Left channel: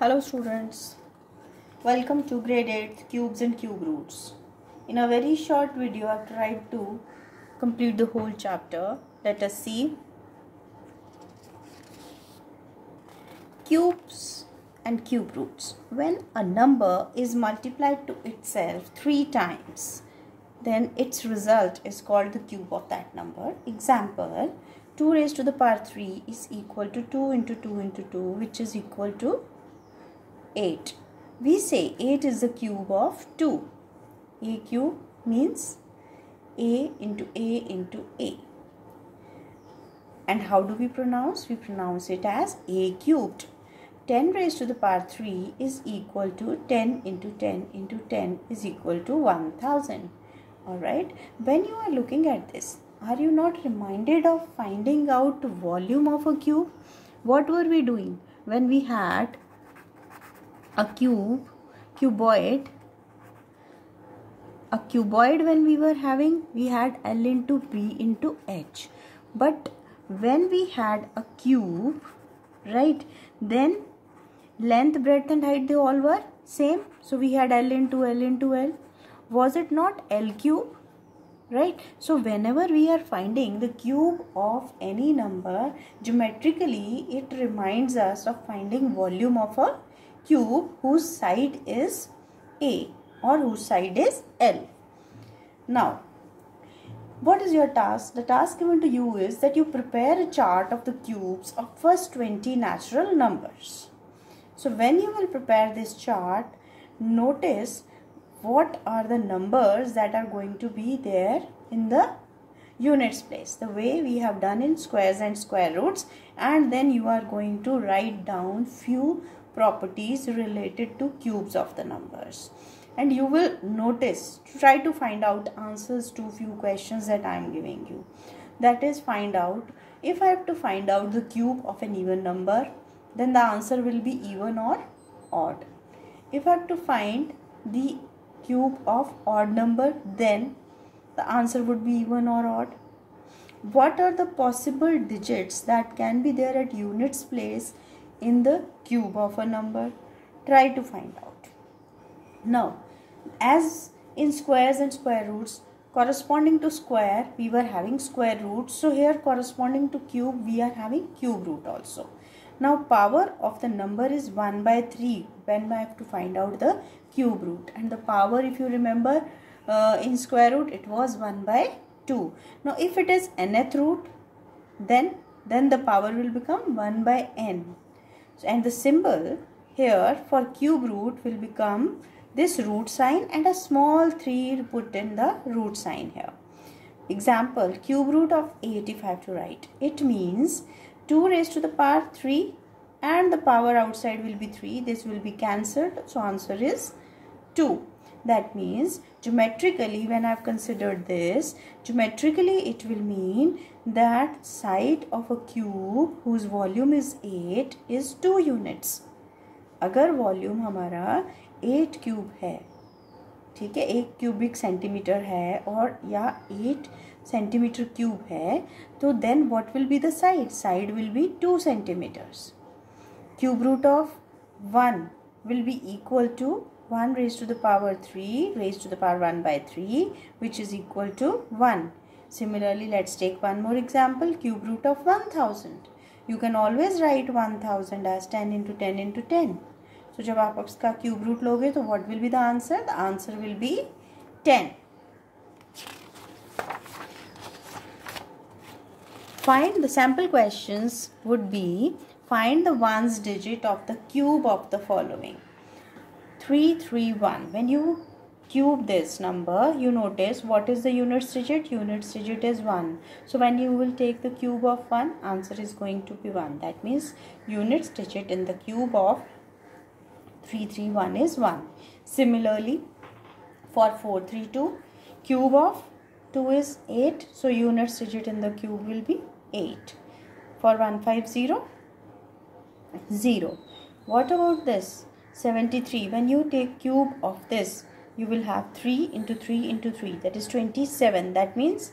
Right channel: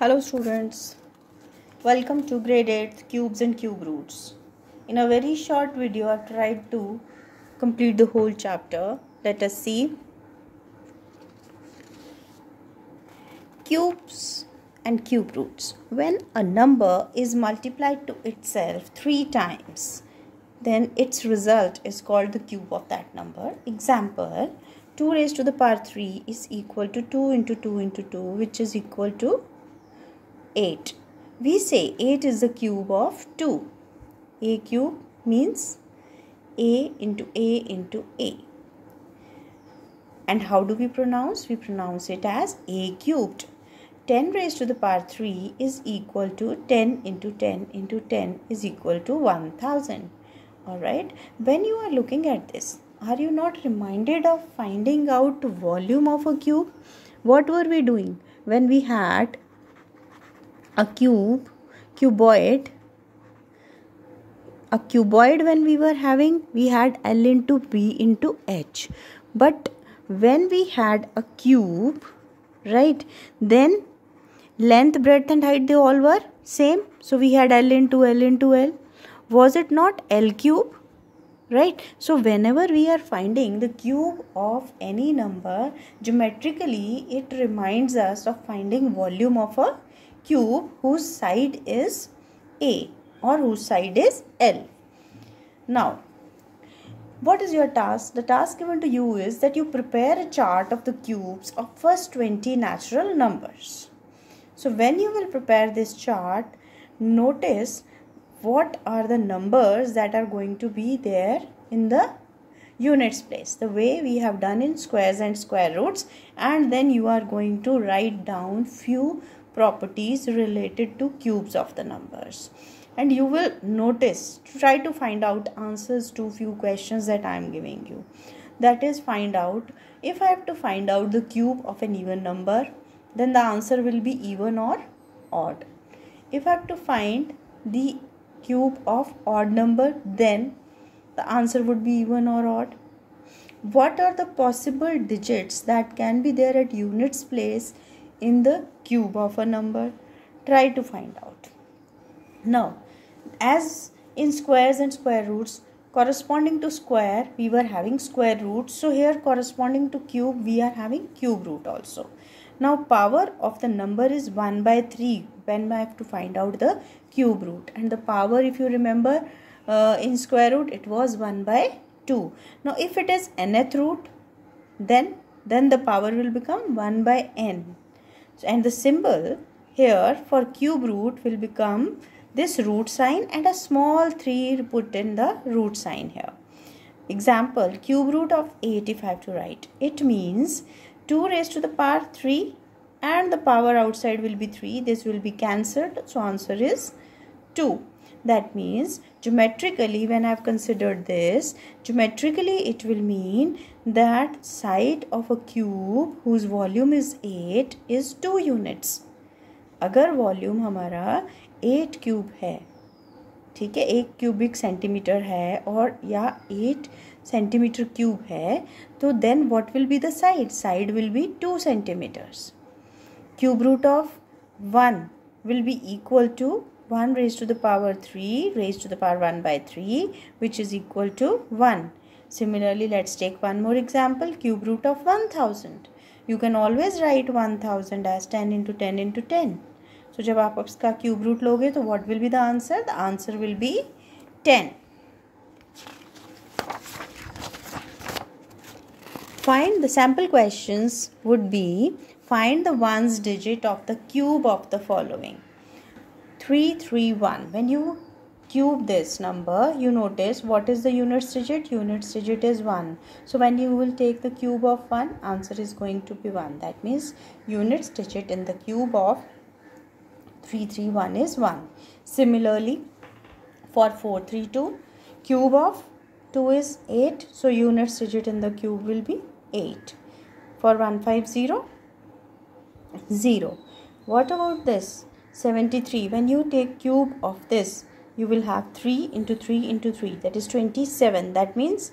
Hello students, welcome to grade 8 cubes and cube roots. In a very short video I have tried to complete the whole chapter. Let us see cubes and cube roots. When a number is multiplied to itself 3 times, then its result is called the cube of that number. Example, 2 raised to the power 3 is equal to 2 into 2 into 2, which is equal to 8. We say 8 is the cube of 2. A cube means A into A into A. And how do we pronounce? We pronounce it as A cubed. 10 raised to the power 3 is equal to 10 into 10 into 10 is equal to 1000. Alright, when you are looking at this, are you not reminded of finding out volume of a cube? What were we doing when we had a cuboid when we were having, we had L into B into H. But when we had a cube, right, then length, breadth and height, they all were same. So we had L into L into L. Was it not L cube? Right. So whenever we are finding the cube of any number, geometrically it reminds us of finding volume of a cube whose side is A or whose side is L. Now, what is your task? The task given to you is that you prepare a chart of the cubes of first 20 natural numbers. So when you will prepare this chart, notice what are the numbers that are going to be there in the units place, the way we have done in squares and square roots, and then you are going to write down few properties related to cubes of the numbers, and you will notice, try to find out answers to few questions that I am giving you. That is, find out, if I have to find out the cube of an even number, then the answer will be even or odd. If I have to find the cube of odd number, then the answer would be even or odd. What are the possible digits that can be there at units place in the cube of a number? Try to find out. Now, as in squares and square roots, corresponding to square we were having square root, so here corresponding to cube we are having cube root also. Now power of the number is 1 by 3 when I have to find out the cube root, and the power, if you remember, in square root it was 1 by 2. Now if it is nth root, then the power will become 1 by n. And the symbol here for cube root will become this root sign and a small 3 put in the root sign here. Example, cube root of 8 if I have to write, it means 2 raised to the power 3 and the power outside will be 3. This will be cancelled. So answer is 2. That means geometrically, when I have considered this, geometrically it will mean that side of a cube whose volume is 8 is 2 units. अगर volume हमारा 8 cube है, ठीक है, 1 cubic centimetre है और या 8 centimetre cube है, तो then what will be the side? Side will be 2 centimeters. Cube root of 1 will be equal to 1 raised to the power 3 raised to the power 1 by 3, which is equal to 1. Similarly, let's take one more example, cube root of 1000. You can always write 1000 as 10 into 10 into 10. So जब आप इसका cube root लोगे तो what will be the answer? The answer will be 10. Find the sample questions would be, find the ones digit of the cube of the following. 331. When you cube this number, you notice what is the units digit? Units digit is 1. So when you will take the cube of 1, answer is going to be 1. That means units digit in the cube of 331 is 1. Similarly, for 432, cube of 2 is 8. So units digit in the cube will be 8. For 150, 0. What about this? 73. When you take cube of this, you will have 3 into 3 into 3. That is 27. That means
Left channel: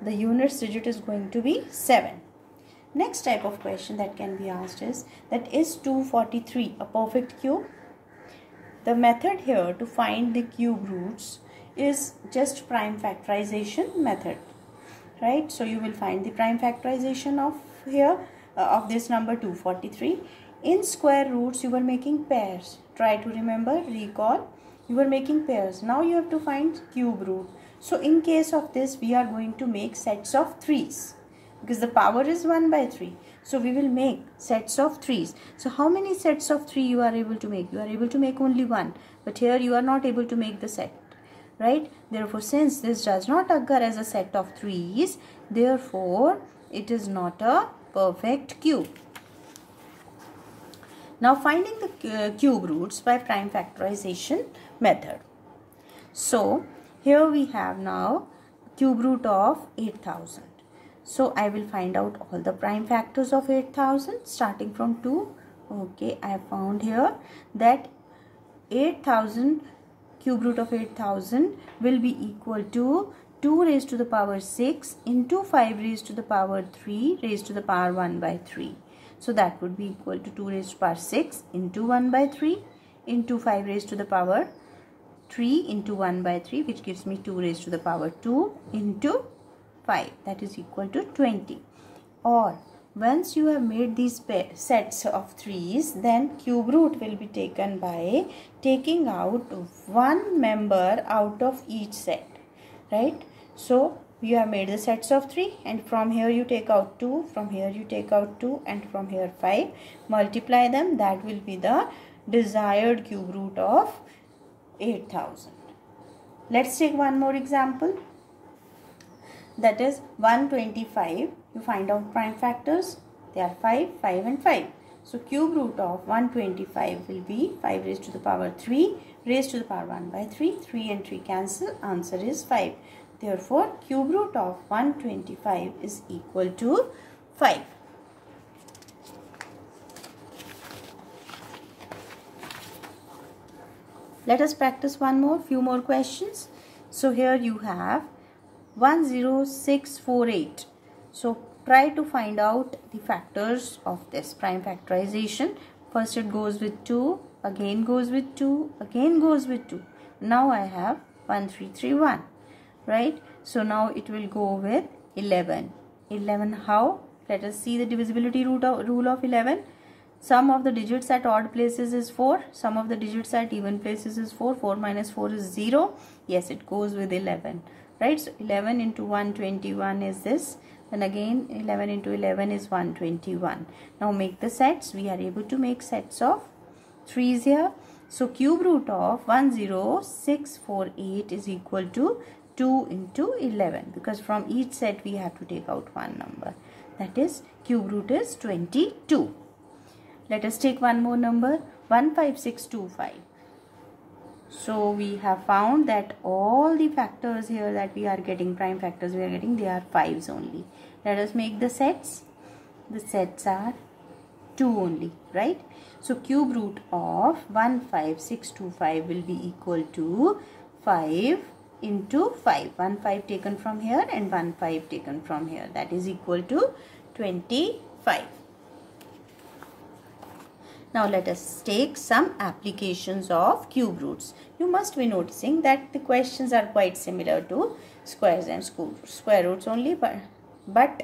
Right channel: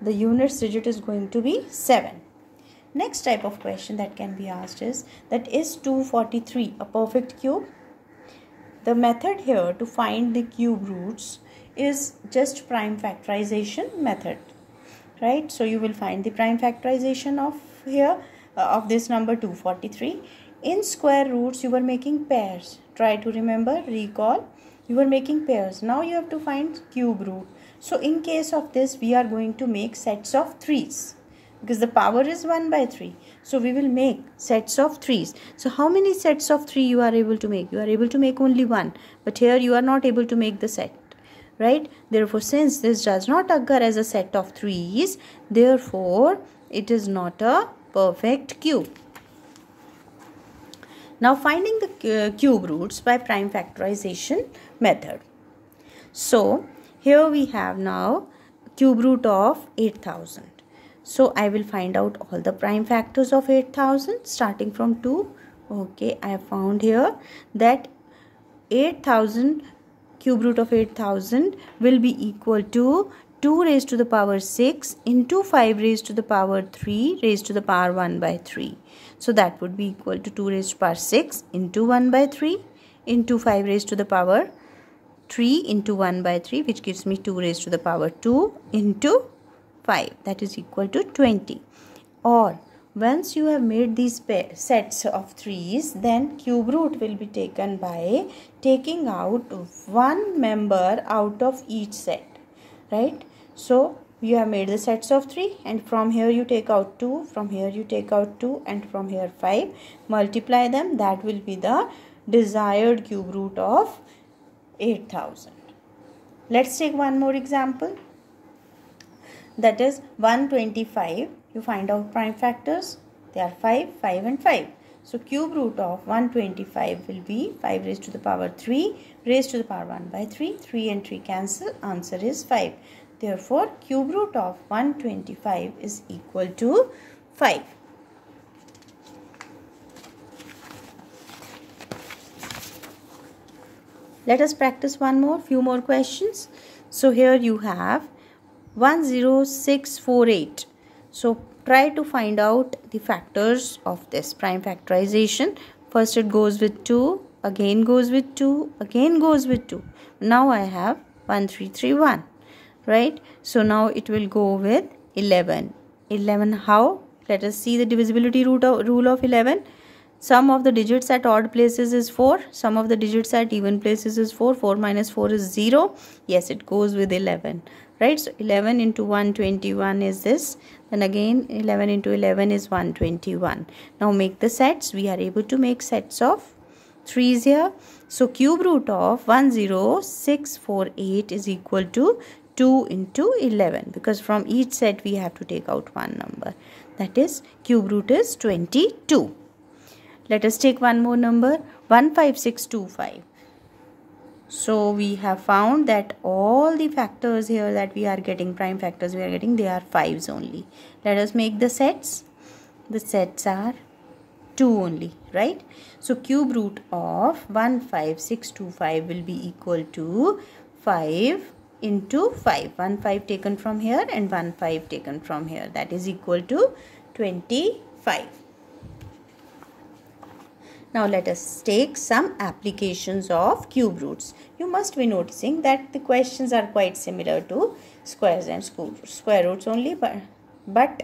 the units digit is going to be 7. Next type of question that can be asked is that is 243 a perfect cube? The method here to find the cube roots is just prime factorization method, right? So you will find the prime factorization of here of this number 243. In square roots you were making pairs. Try to remember, recall, you were making pairs. Now you have to find cube root. So in case of this we are going to make sets of 3's because the power is 1 by 3. So we will make sets of 3's. So how many sets of 3 you are able to make? You are able to make only one, but here you are not able to make the set, right? Therefore, since this does not occur as a set of 3's, therefore it is not a perfect cube. Now finding the cube roots by prime factorization method. So here we have now cube root of 8000. So I will find out all the prime factors of 8000 starting from 2. Okay, I have found here that 8000 cube root of 8000 will be equal to 2 raised to the power 6 into 5 raised to the power 3 raised to the power 1 by 3. So that would be equal to 2 raised to the power 6 into 1 by 3 into 5 raised to the power 3 into 1 by 3, which gives me 2 raised to the power 2 into 5, that is equal to 20. Or once you have made these sets of 3's, then cube root will be taken by taking out one member out of each set, right? So you have made the sets of 3 and from here you take out 2, from here you take out 2 and from here 5. Multiply them, that will be the desired cube root of 8000. Let's take one more example. That is 125. You find out prime factors. They are 5, 5 and 5. So cube root of 125 will be 5 raised to the power 3 raised to the power 1 by 3. 3 and 3 cancel. Answer is 5. Therefore, cube root of 125 is equal to 5. Let us practice few more questions. So here you have 10648. So try to find out the factors of this prime factorization. First it goes with 2, again goes with 2, again goes with 2. Now I have 1331, right? So now it will go with 11. 11 how? Let us see the divisibility rule of 11. Sum of the digits at odd places is 4. Sum of the digits at even places is 4. 4 minus 4 is 0. Yes, it goes with 11. Right? So 11 into 121 is this. Then again 11 into 11 is 121. Now make the sets. We are able to make sets of 3's here. So cube root of 10648 is equal to 2 into 11. Because from each set we have to take out one number. That is cube root is 22. Let us take one more number, 15625. So we have found that all the factors here that we are getting, prime factors we are getting, they are 5's only. Let us make the sets. The sets are 2 only, right? So cube root of 15625 will be equal to 5 into 5. 1 5 taken from here and 1 5 taken from here. That is equal to 25. Now let us take some applications of cube roots. You must be noticing that the questions are quite similar to squares and square roots only, but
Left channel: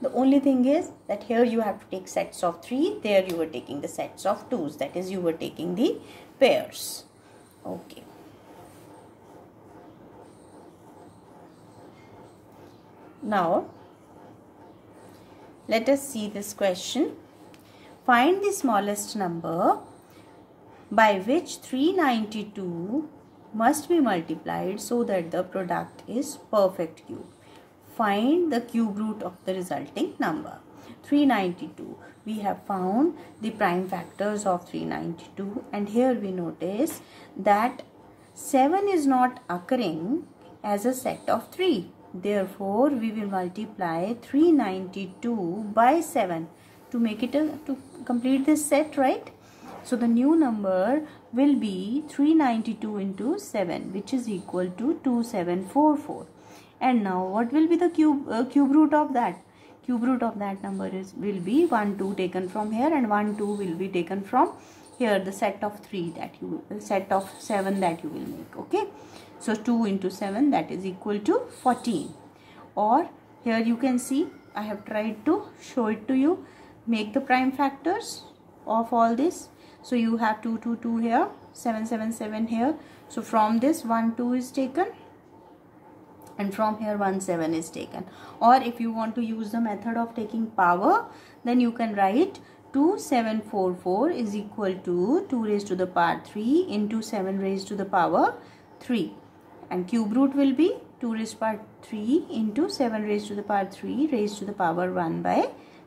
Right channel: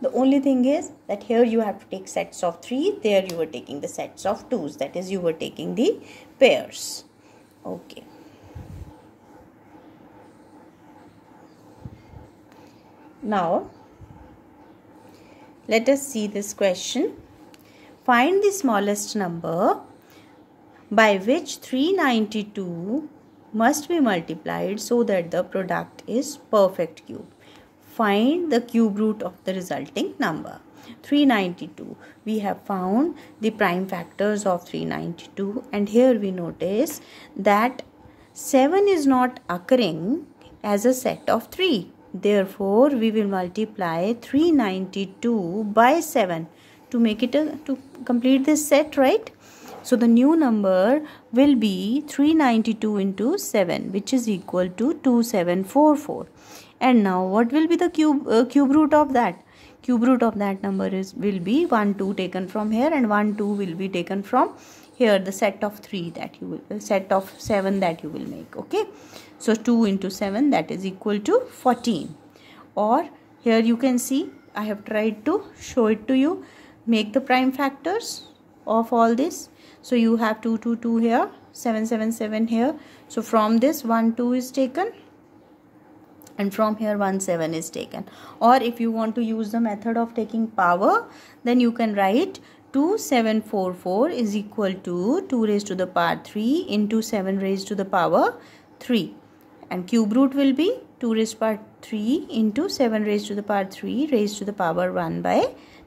the only thing is that here you have to take sets of 3, there you are taking the sets of 2's, that is you were taking the pairs. Okay. Now let us see this question. Find the smallest number by which 392 must be multiplied so that the product is perfect cube. Find the cube root of the resulting number. 392. We have found the prime factors of 392 and here we notice that 7 is not occurring as a set of 3. Therefore, we will multiply 392 by 7 to make it to complete this set, right? So the new number will be 392 into 7, which is equal to 2744. And now what will be the cube root of that? cube root of that number will be 1 2 taken from here, and 1 2 will be taken from here, the set of 3 that you will, set of 7 that you will make. Okay, so 2 into 7, that is equal to 14. Or here you can see, I have tried to show it to you. Make the prime factors of all this. So you have 2 2 2 here, 7 7 7 here. So from this 1 2 is taken, and from here 1 7 is taken. Or if you want to use the method of taking power, then you can write 2744 is equal to 2 raised to the power 3 into 7 raised to the power 3, and cube root will be 2 raised to the power 3 into 7 raised to the power 3 raised to the power 1 by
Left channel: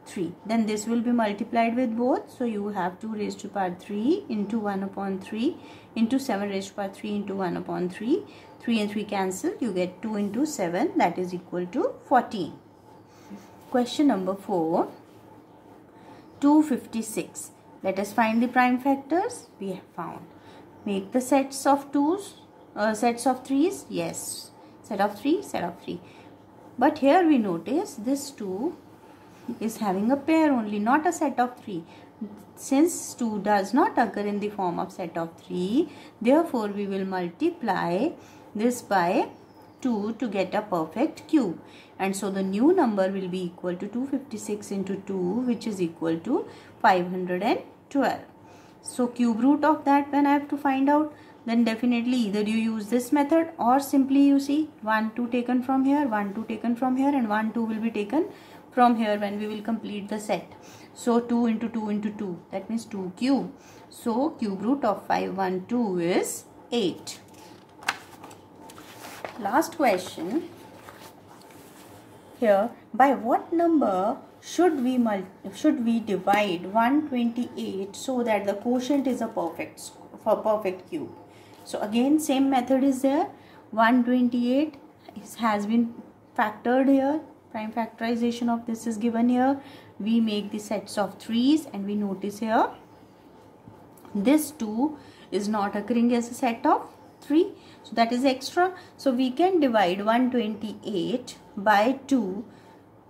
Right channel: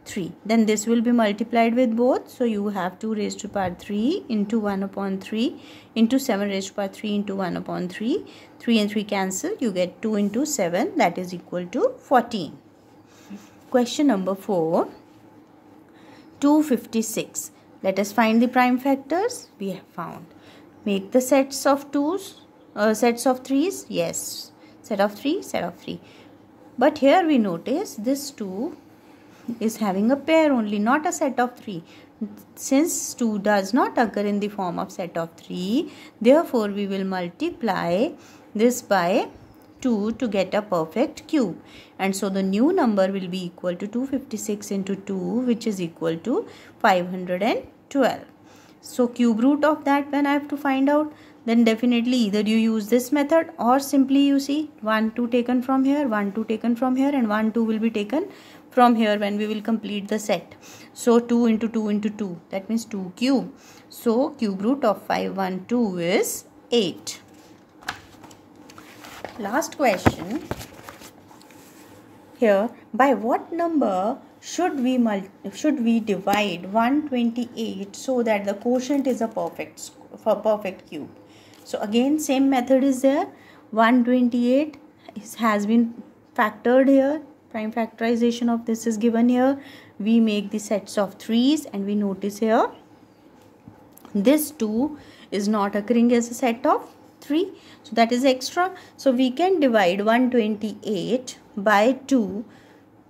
3. Then this will be multiplied with both. So you have 2 raised to the power 3 into 1 upon 3 into 7 raised to the power 3 into 1 upon 3. 3 and 3 cancel. You get 2 into 7, that is equal to 14. Question number 4. 256. Let us find the prime factors. We have found. Make the sets of 2's, sets of 3's. Yes. Set of 3, set of 3. But here we notice this 2 is having a pair only, not a set of 3. Since 2 does not occur in the form of set of 3, therefore we will multiply this by 2 to get a perfect cube. And so the new number will be equal to 256 into 2, which is equal to 512. So cube root of that, when I have to find out, then definitely either you use this method, or simply you see 1 2 taken from here, 1 2 taken from here, and 1 2 will be taken from here when we will complete the set. So 2 into 2 into 2, that means 2 cube. So cube root of 512 is 8. Last question. Here, by what number should we divide 128 so that the quotient is a perfect cube? So again, same method is there. 128 has been factored here. Prime factorization of this is given here. We make the sets of 3's, and we notice here this 2 is not occurring as a set of 3. So that is extra. So we can divide 128 by 2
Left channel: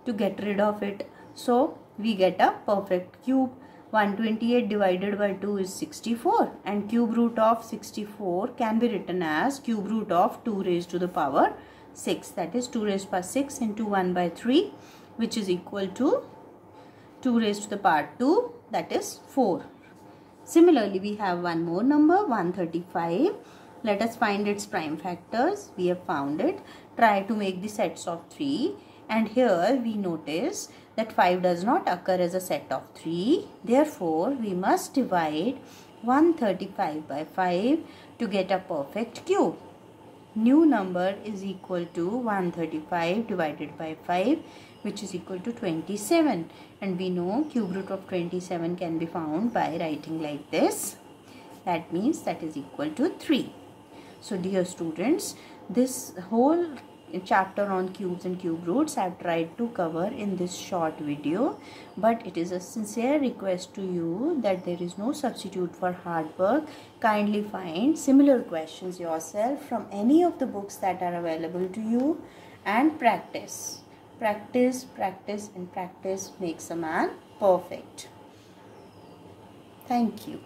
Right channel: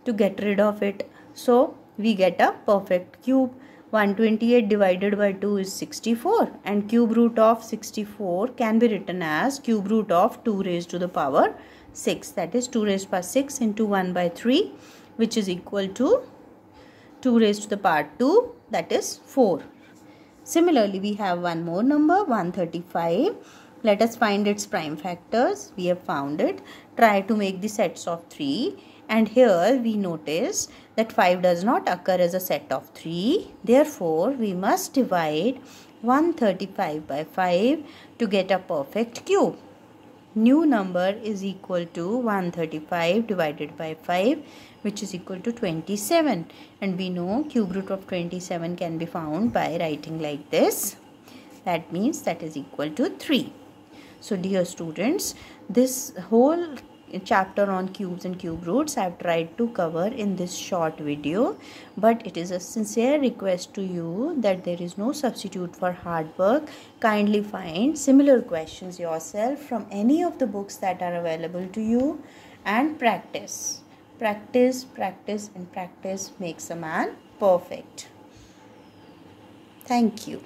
to get rid of it. So we get a perfect cube. 128 divided by 2 is 64, and cube root of 64 can be written as cube root of 2 raised to the power 6. That is 2 raised to the power 6 into 1 by 3, which is equal to 2 raised to the power 2, that is 4. Similarly, we have one more number, 135. Let us find its prime factors. We have found it. Try to make the sets of 3. And here we notice that 5 does not occur as a set of 3. Therefore, we must divide 135 by 5 to get a perfect cube. New number is equal to 135 divided by 5, which is equal to 27. And we know cube root of 27 can be found by writing like this. That means that is equal to 3. So dear students, this whole chapter on cubes and cube roots I have tried to cover in this short video, but it is a sincere request to you that there is no substitute for hard work. Kindly find similar questions yourself from any of the books that are available to you and practice. Practice, practice, and practice makes a man perfect. Thank you.